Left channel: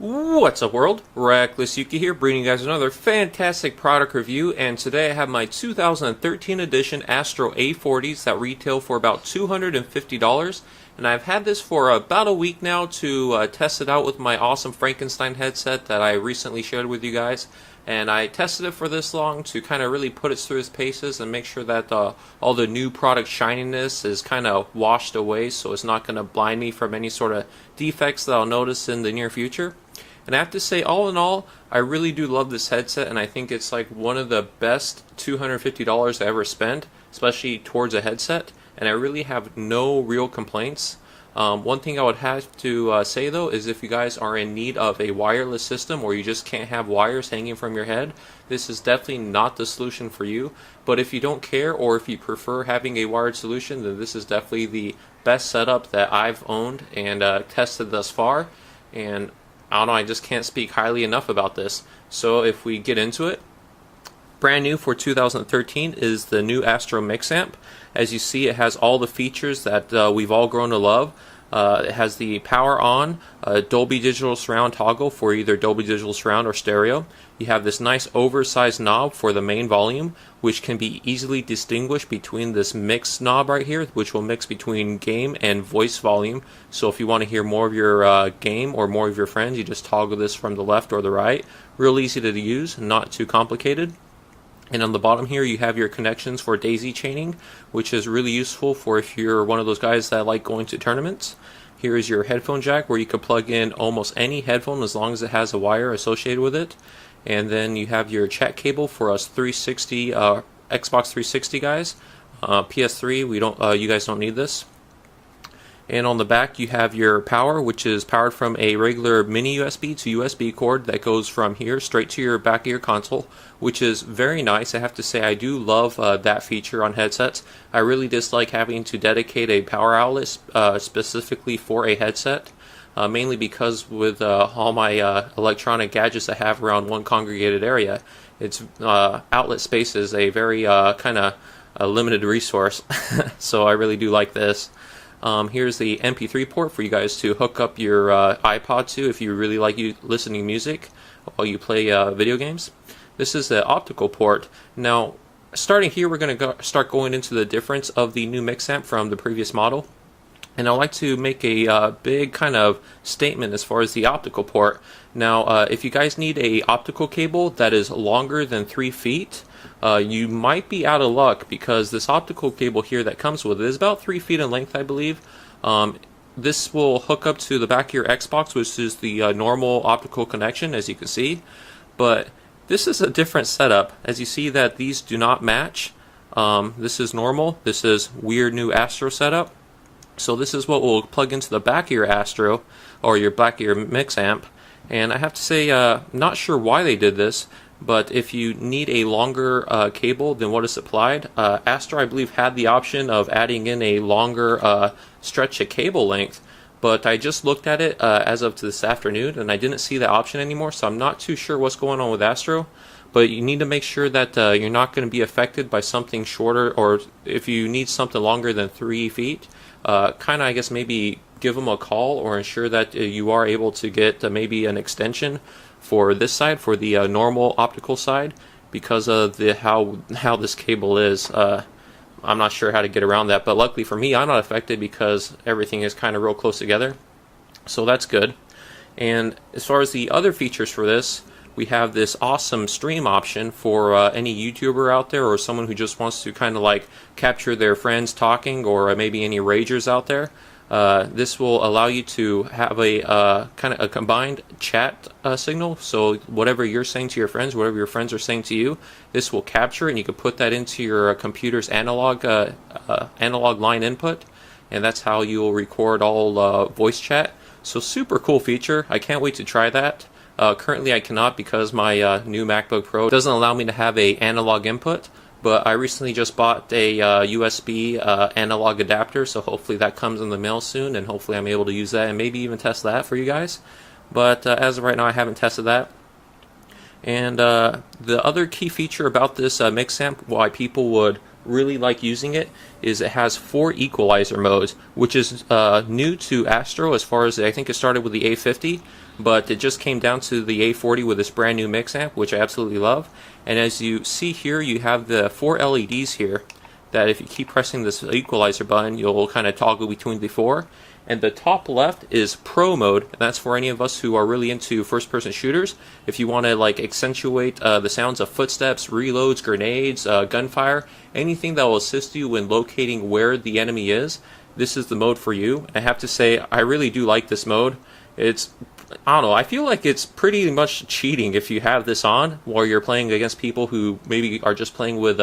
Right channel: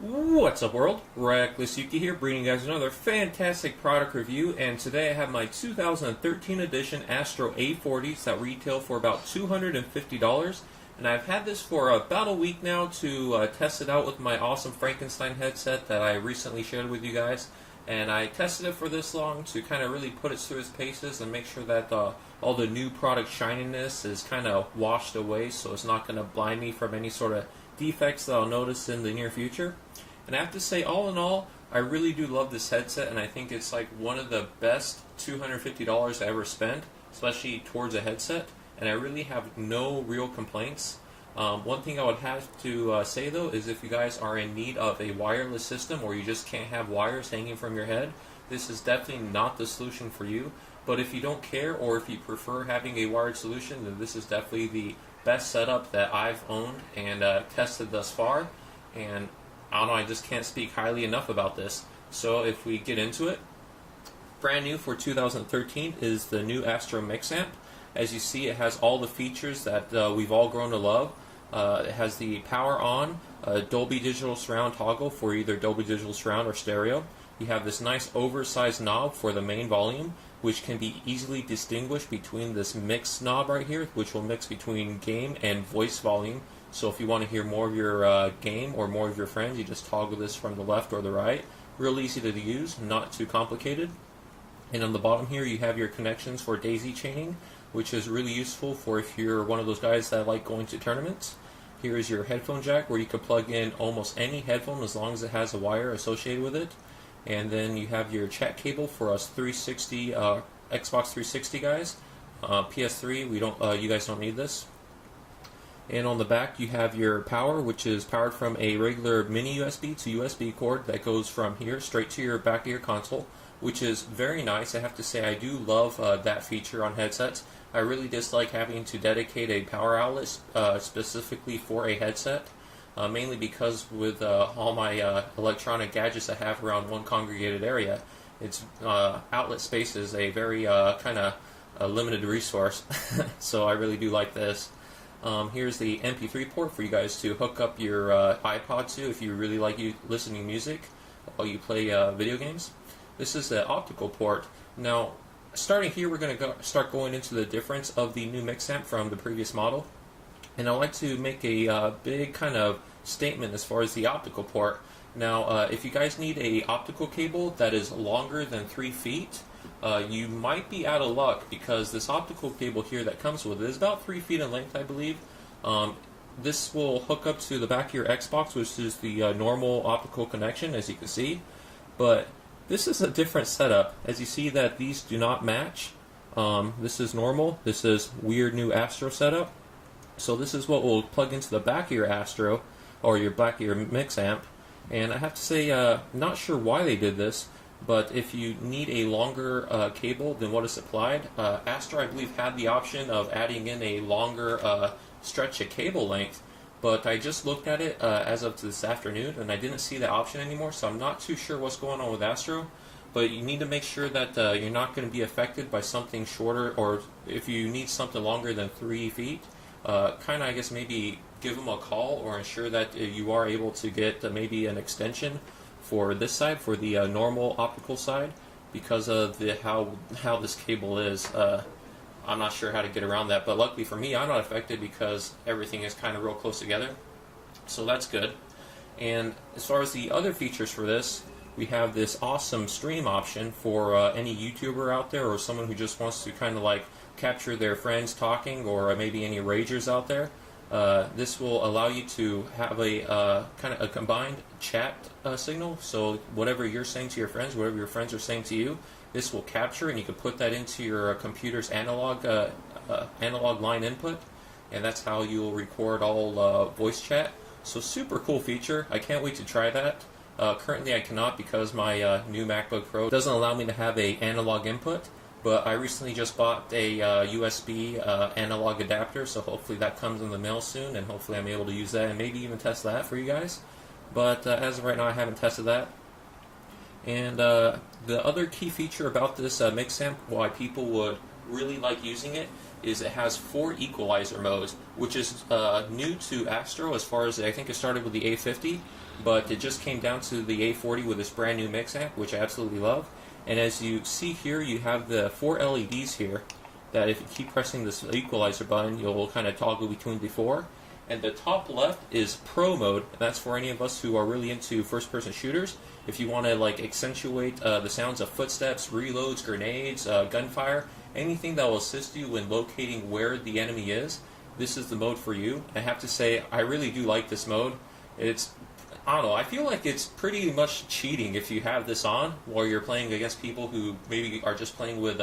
What's up, world? Reckless Yuki here, bringing you guys another fantastic product review, and today I have my 2013 edition Astro A40s that retail for about $250, and I've had this for about a week now to test it out with my awesome Frankenstein headset that I recently shared with you guys. And I tested it for this long to kind of really put it through its paces and make sure that all the new product shininess is kind of washed away, so it's not going to blind me from any sort of defects that I'll notice in the near future. And I have to say, all in all, I really do love this headset, and I think it's like one of the best $250 I ever spent, especially towards a headset, and I really have no real complaints. One thing I would have to say though is if you guys are in need of a wireless system or you just can't have wires hanging from your head, this is definitely not the solution for you. But if you don't care or if you prefer having a wired solution, then this is definitely the best setup that I've owned and tested thus far. And I don't know, I just can't speak highly enough about this. So if we get into it, brand new for 2013 is the new Astro MixAmp. As you see, it has all the features that we've all grown to love. It has the power on, Dolby Digital Surround toggle for either Dolby Digital Surround or stereo. You have this nice oversized knob for the main volume, which can be easily distinguished between this mix knob right here, which will mix between game and voice volume. So if you want to hear more of your game or more of your friends, you just toggle this from the left or the right. Real easy to use, not too complicated. And on the bottom here you have your connections for daisy chaining, which is really useful for if you're one of those guys that like going to tournaments. Here is your headphone jack where you can plug in almost any headphone as long as it has a wire associated with it. And then you have your chat cable for us 360 Xbox 360 guys. PS3, we don't. You guys don't need this. And on the back you have your power, which is powered from a regular mini USB to USB cord that goes from here straight to your back of your console, which is very nice. I have to say I do love that feature on headsets. I really dislike having to dedicate a power outlet specifically for a headset, mainly because with all my electronic gadgets I have around one congregated area, its outlet space is a very kind of limited resource. So I really do like this. Here's the MP3 port for you guys to hook up your iPod to if you really like listening to music while you play video games. This is the optical port. Now, starting here, we're going to start going into the difference of the new MixAmp from the previous model. And I'd like to make a big kind of statement as far as the optical port. Now, if you guys need a optical cable that is longer than 3 feet, you might be out of luck because this optical cable here that comes with it is about 3 feet in length, I believe. This will hook up to the back of your Xbox, which is the normal optical connection, as you can see. But this is a different setup. As you see that these do not match. This is normal. This is weird new Astro setup. So this is what will plug into the back of your Astro or your back of your MixAmp. And I have to say, not sure why they did this, but if you need a longer cable than what is supplied, Astro I believe had the option of adding in a longer stretch of cable length. But I just looked at it as of this afternoon, and I didn't see that option anymore, so I'm not too sure what's going on with Astro. But you need to make sure that you're not going to be affected by something shorter, or if you need something longer than 3 feet, kind of, I guess, maybe give them a call or ensure that you are able to get maybe an extension for this side, for the normal optical side, because of the how this cable is. I'm not sure how to get around that, but luckily for me, I'm not affected because everything is kind of real close together. So that's good. And as far as the other features for this, we have this awesome stream option for any YouTuber out there or someone who just wants to kind of like capture their friends talking, or maybe any ragers out there. This will allow you to have a kind of a combined chat signal. So whatever you're saying to your friends, whatever your friends are saying to you, this will capture, and you can put that into your computer's analog line input, and that's how you'll record all voice chat. So super cool feature. I can't wait to try that. Currently I cannot because my new MacBook Pro doesn't allow me to have a analog input. But I recently just bought a USB analog adapter, so hopefully that comes in the mail soon, and hopefully I'm able to use that and maybe even test that for you guys. But as of right now, I haven't tested that. And the other key feature about this MixAmp, why people would really like using it, is it has 4 equalizer modes, which is new to Astro as far as I think it started with the A40. but it just came down to the A40 with this brand new MixAmp, which I absolutely love. And as you see here, you have the 4 LEDs here that if you keep pressing this equalizer button, you'll kind of toggle between the 4. And the top left is Pro mode, and that's for any of us who are really into first-person shooters. If you want to like accentuate the sounds of footsteps, reloads, grenades, gunfire, anything that will assist you in locating where the enemy is, this is the mode for you. I have to say, I really do like this mode. I don't know, I feel like it's pretty much cheating if you have this on while you're playing against people who maybe are just playing with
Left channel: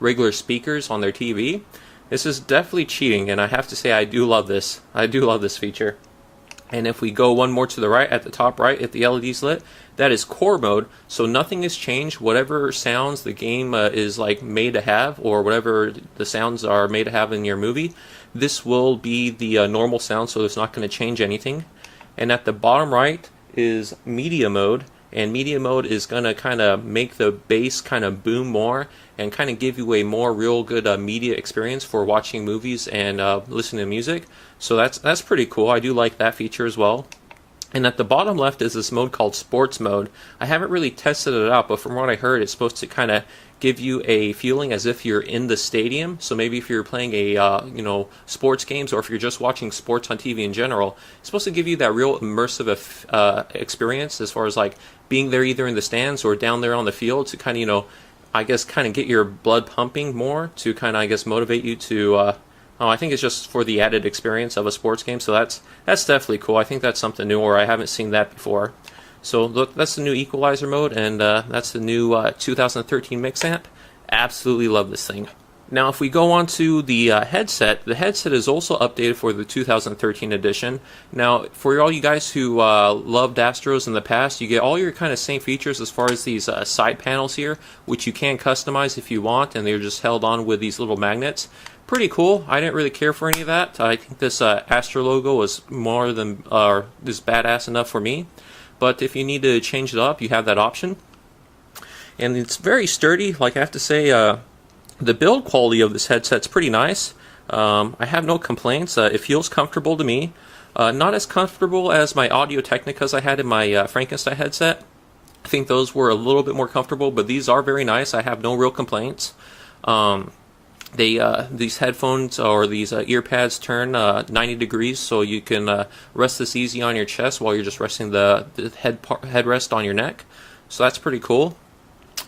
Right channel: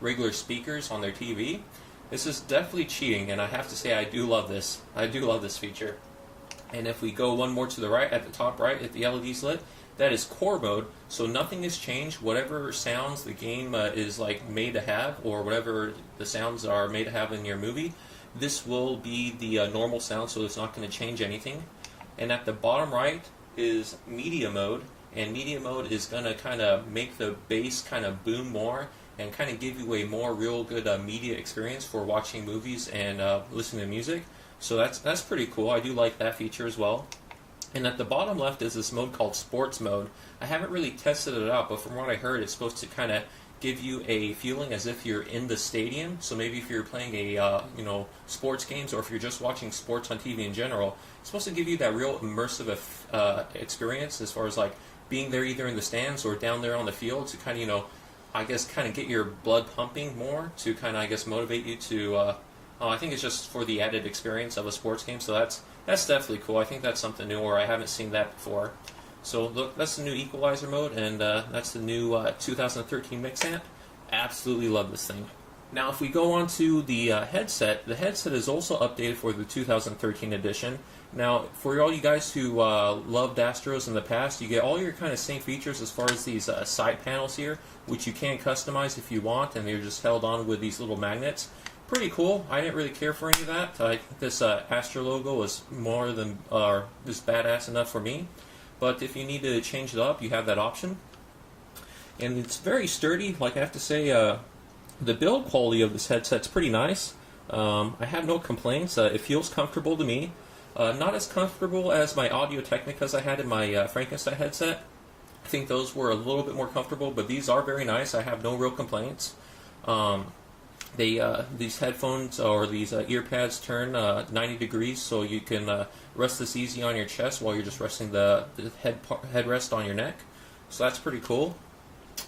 regular speakers on their TV. This is definitely cheating, and I have to say I do love this. I do love this feature. And if we go one more to the right, at the top right, if the LED's lit, that is core mode, so nothing has changed. Whatever sounds the game is like made to have, or whatever the sounds are made to have in your movie, this will be the normal sound, so it's not going to change anything. And at the bottom right is media mode, and media mode is going to kind of make the bass kind of boom more and kind of give you a more real good media experience for watching movies and listening to music. So that's pretty cool. I do like that feature as well. And at the bottom left is this mode called Sports Mode. I haven't really tested it out, but from what I heard, it's supposed to kind of give you a feeling as if you're in the stadium. So maybe if you're playing a sports games, or if you're just watching sports on TV in general, it's supposed to give you that real immersive experience as far as like being there either in the stands or down there on the field to kind of I guess kind of get your blood pumping more to kind of I guess motivate you to I think it's just for the added experience of a sports game. So that's definitely cool. I think that's something new, or I haven't seen that before. So look, that's the new equalizer mode, and that's the new 2013 MixAmp. Absolutely love this thing. Now if we go on to the headset is also updated for the 2013 edition. Now for all you guys who loved Astros in the past, you get all your kind of same features as far as these side panels here, which you can customize if you want, and they're just held on with these little magnets. Pretty cool. I didn't really care for any of that. I think this Astro logo was more than this badass enough for me. But if you need to change it up, you have that option. And it's very sturdy. Like I have to say, the build quality of this headset's pretty nice. I have no complaints. It feels comfortable to me. Not as comfortable as my Audio Technicas I had in my Frankenstein headset. I think those were a little bit more comfortable, but these are very nice. I have no real complaints. These headphones or these ear pads turn 90 degrees, so you can rest this easy on your chest while you're just resting the headrest on your neck. So that's pretty cool.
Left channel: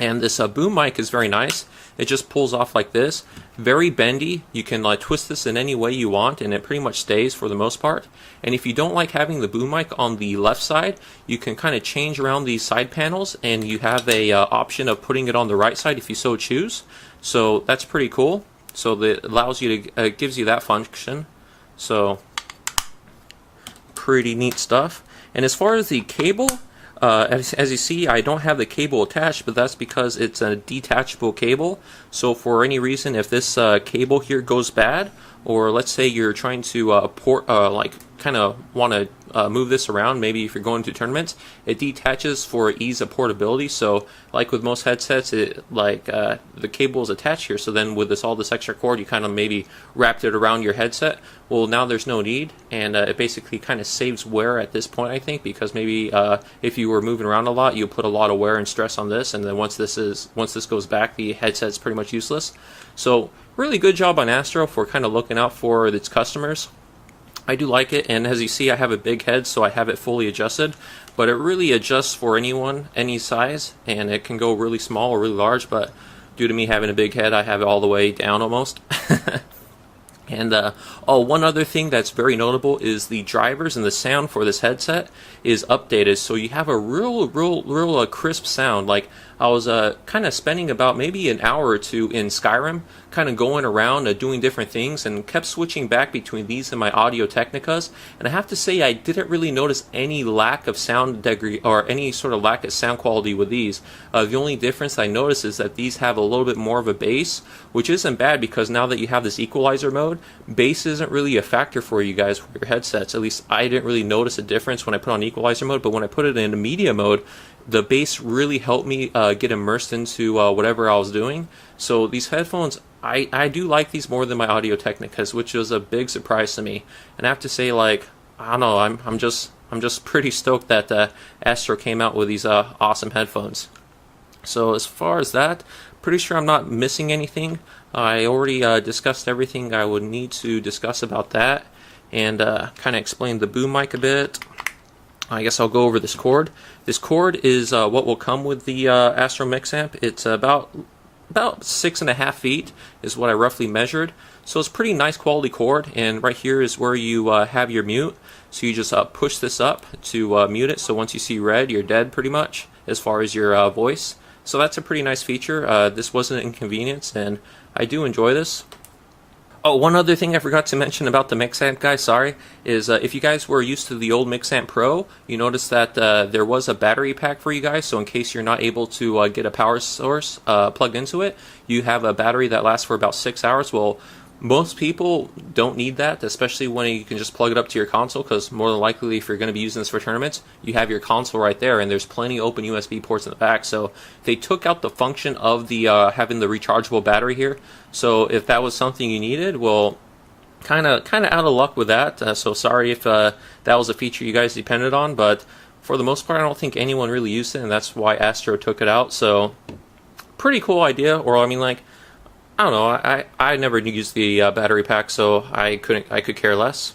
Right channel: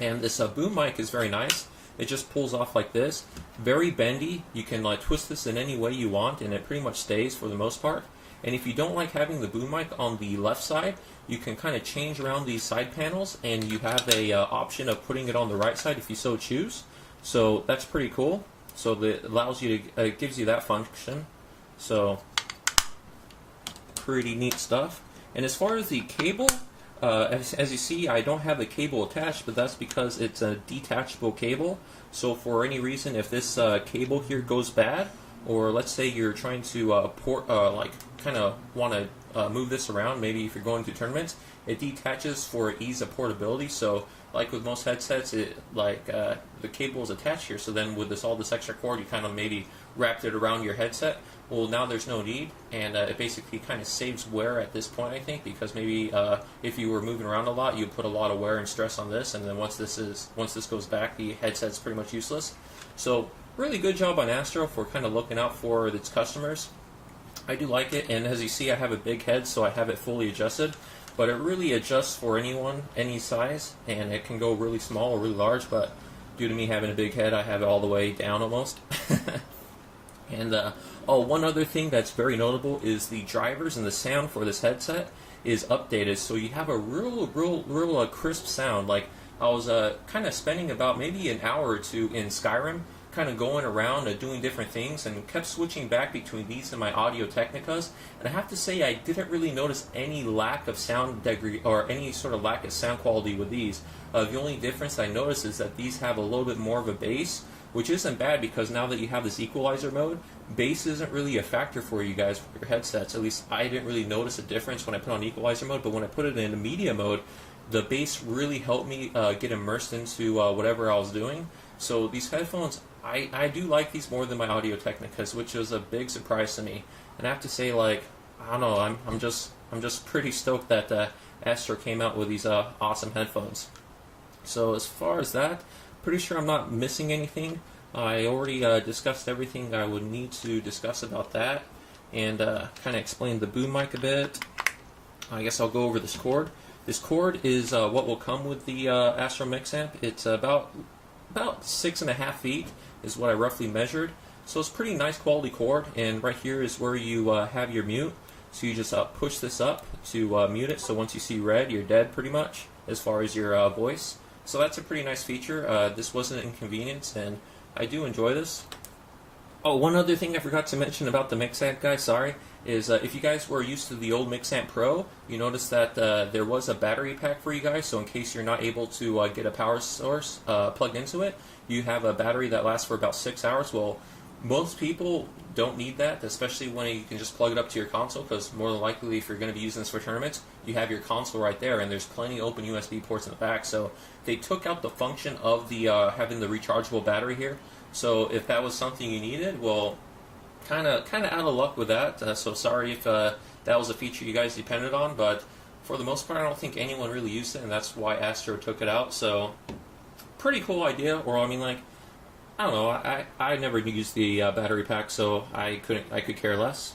And this boom mic is very nice. It just pulls off like this. Very bendy. You can twist this in any way you want, and it pretty much stays for the most part. And if you don't like having the boom mic on the left side, you can kind of change around these side panels, and you have a option of putting it on the right side if you so choose. So that's pretty cool. So that allows you to gives you that function. So pretty neat stuff. And as far as the cable, as you see, I don't have the cable attached, but that's because it's a detachable cable. So for any reason, if this cable here goes bad, or let's say you're trying to kind of want to move this around, maybe if you're going to tournaments, it detaches for ease of portability. So like with most headsets, the cable is attached here, so then with all this extra cord, you kind of maybe wrapped it around your headset. Well, now there's no need, and it basically kind of saves wear at this point, I think, because maybe if you were moving around a lot, you put a lot of wear and stress on this, and then once this goes back, the headset's pretty much useless. So really good job on Astro for kind of looking out for its customers. I do like it, and as you see, I have a big head, so I have it fully adjusted, but it really adjusts for anyone, any size, and it can go really small or really large, but due to me having a big head, I have it all the way down almost. And one other thing that's very notable is the drivers and the sound for this headset is updated, so you have a real crisp sound. Like I was kind of spending about maybe an hour or two in Skyrim, kind of going around doing different things, and kept switching back between these and my Audio Technicas. And I have to say, I didn't really notice any lack of sound degree or any sort of lack of sound quality with these. The only difference I noticed is that these have a little bit more of a bass, which isn't bad because now that you have this equalizer mode, bass isn't really a factor for you guys with your headsets. At least I didn't really notice a difference when I put on equalizer mode, but when I put it in media mode, the bass really helped me get immersed into whatever I was doing. So these headphones, I do like these more than my Audio Technicas, which was a big surprise to me. And I have to say, like, I don't know, I'm just I'm just pretty stoked that Astro came out with these awesome headphones. So as far as that, pretty sure I'm not missing anything. I already discussed everything I would need to discuss about that, and kind of explained the boom mic a bit. I guess I'll go over this cord. This cord is what will come with the Astro MixAmp. It's about 6.5 feet is what I roughly measured. So it's pretty nice quality cord, and right here is where you have your mute. So you just push this up to mute it. So once you see red, you're dead pretty much as far as your voice. So that's a pretty nice feature. This wasn't an inconvenience, and I do enjoy this. Oh, one other thing I forgot to mention about the MixAmp, guys, sorry, is if you guys were used to the old MixAmp Pro, you noticed that there was a battery pack for you guys, so in case you're not able to get a power source plugged into it, you have a battery that lasts for about 6 hours. Well, most people don't need that, especially when you can just plug it up to your console, because more than likely if you're going to be using this for tournaments, you have your console right there, and there's plenty of open USB ports in the back. So they took out the function of the having the rechargeable battery here. So if that was something you needed, well, kind of out of luck with that. So sorry if that was a feature you guys depended on, but for the most part, I don't think anyone really used it, and that's why Astro took it out. So pretty cool idea. Or I mean, like, I don't know. I never used the battery pack, so I could care less.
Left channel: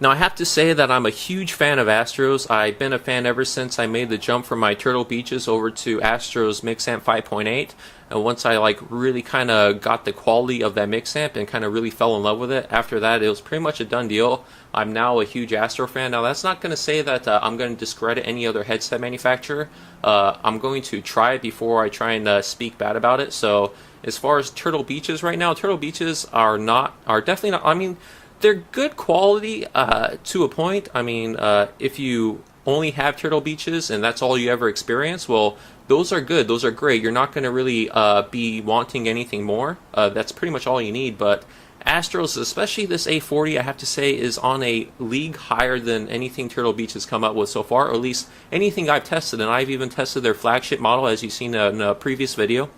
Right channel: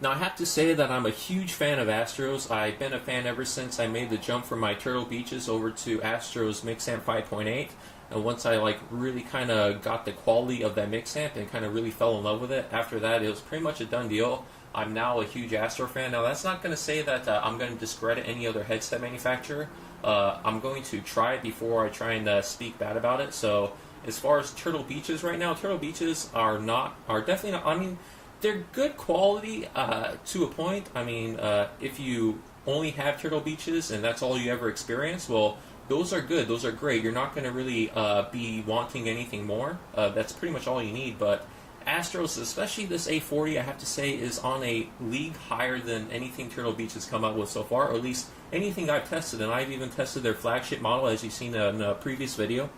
Now I have to say that I'm a huge fan of Astros. I've been a fan ever since I made the jump from my Turtle Beaches over to Astro's MixAmp 5.8. And once I like really kind of got the quality of that MixAmp and kind of really fell in love with it, after that it was pretty much a done deal. I'm now a huge Astro fan. Now that's not going to say that I'm going to discredit any other headset manufacturer. I'm going to try it before I try and speak bad about it. So as far as Turtle Beaches right now, Turtle Beaches are definitely not, I mean, they're good quality to a point. I mean, if you only have Turtle Beaches and that's all you ever experience, well, those are good, those are great. You're not going to really be wanting anything more. That's pretty much all you need. But Astros, especially this A40, I have to say, is on a league higher than anything Turtle Beach has come up with so far, or at least anything I've tested. And I've even tested their flagship model, as you've seen in a previous video,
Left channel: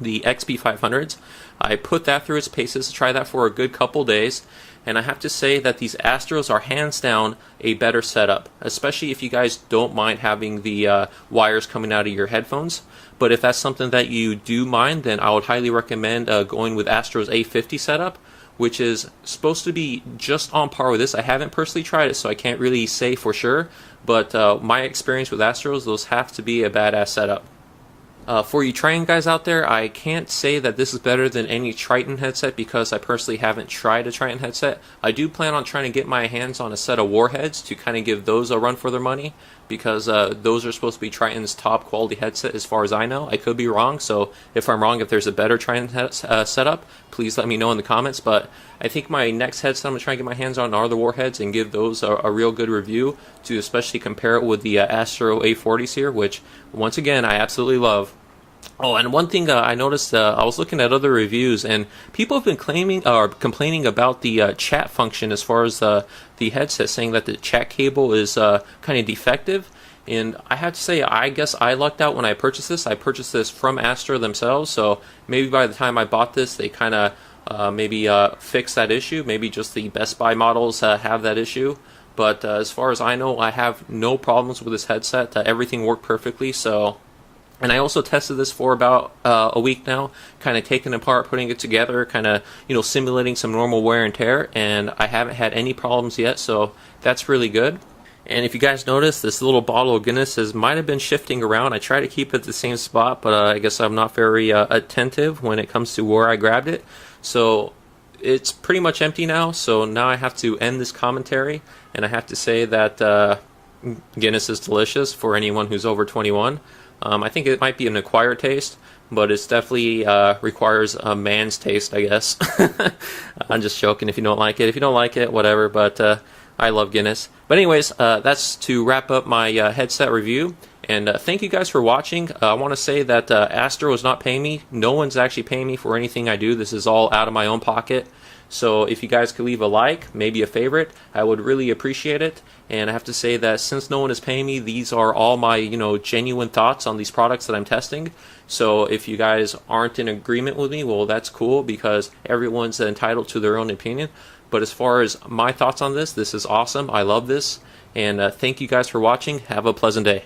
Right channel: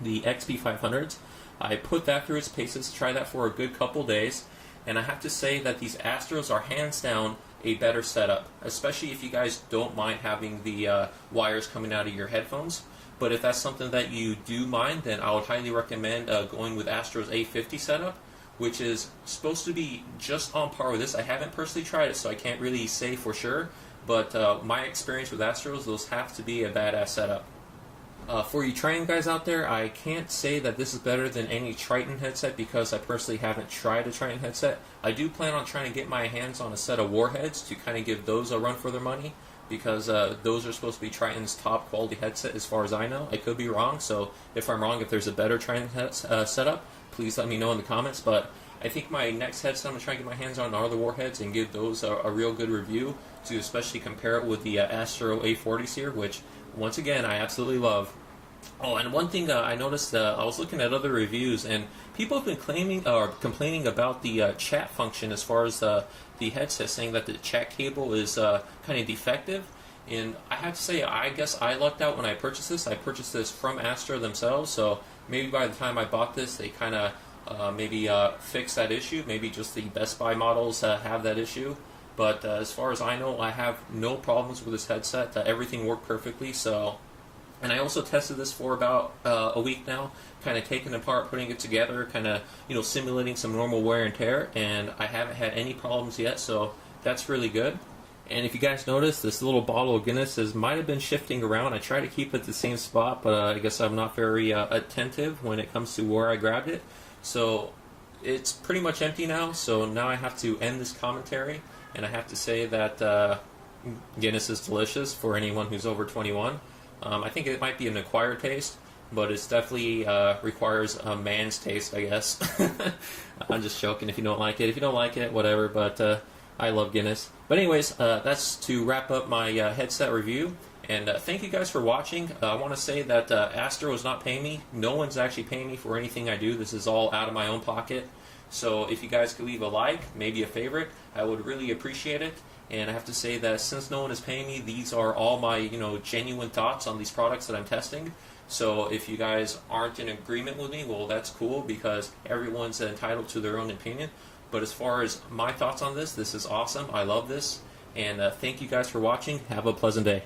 the XP500s. I put that through its paces, tried that for a good couple days, and I have to say that these Astros are hands down a better setup, especially if you guys don't mind having the wires coming out of your headphones. But if that's something that you do mind, then I would highly recommend going with Astro's A50 setup, which is supposed to be just on par with this. I haven't personally tried it, so I can't really say for sure, but my experience with Astros, those have to be a badass setup. For you Triton guys out there, I can't say that this is better than any Triton headset because I personally haven't tried a Triton headset. I do plan on trying to get my hands on a set of Warheads to kind of give those a run for their money, because those are supposed to be Triton's top quality headset as far as I know. I could be wrong, so if I'm wrong, if there's a better Triton setup, please let me know in the comments. But I think my next headset I'm going to try and get my hands on are the Warheads and give those a real good review, to especially compare it with the Astro A40s here, which once again I absolutely love. Oh, and one thing I noticed, I was looking at other reviews, and people have been complaining about the chat function as far as the headset, saying that the chat cable is kind of defective. And I have to say, I guess I lucked out when I purchased this. I purchased this from Astro themselves, so maybe by the time I bought this, they kind of maybe fixed that issue. Maybe just the Best Buy models have that issue. But as far as I know, I have no problems with this headset. Everything worked perfectly, so... And I also tested this for about a week now, kind of taking it apart, putting it together, kind of, simulating some normal wear and tear, and I haven't had any problems yet, so that's really good. And if you guys notice, this little bottle of Guinness might have been shifting around. I try to keep it the same spot, but I guess I'm not very attentive when it comes to where I grabbed it. So it's pretty much empty now, so now I have to end this commentary, and I have to say that Guinness is delicious for anyone who's over 21. I think it might be an acquired taste, but it definitely requires a man's taste, I guess. I'm just joking if you don't like it. If you don't like it, whatever, but I love Guinness. But anyways, that's to wrap up my headset review. And thank you guys for watching. I want to say that Astro is not paying me. No one's actually paying me for anything I do. This is all out of my own pocket. So if you guys could leave a like, maybe a favorite, I would really appreciate it. And I have to say that since no one is paying me, these are all my, genuine thoughts on these products that I'm testing. So if you guys aren't in agreement with me, well, that's cool, because everyone's entitled to their own opinion. But as far as my thoughts on this is awesome. I love this. And thank you guys for watching. Have a pleasant day.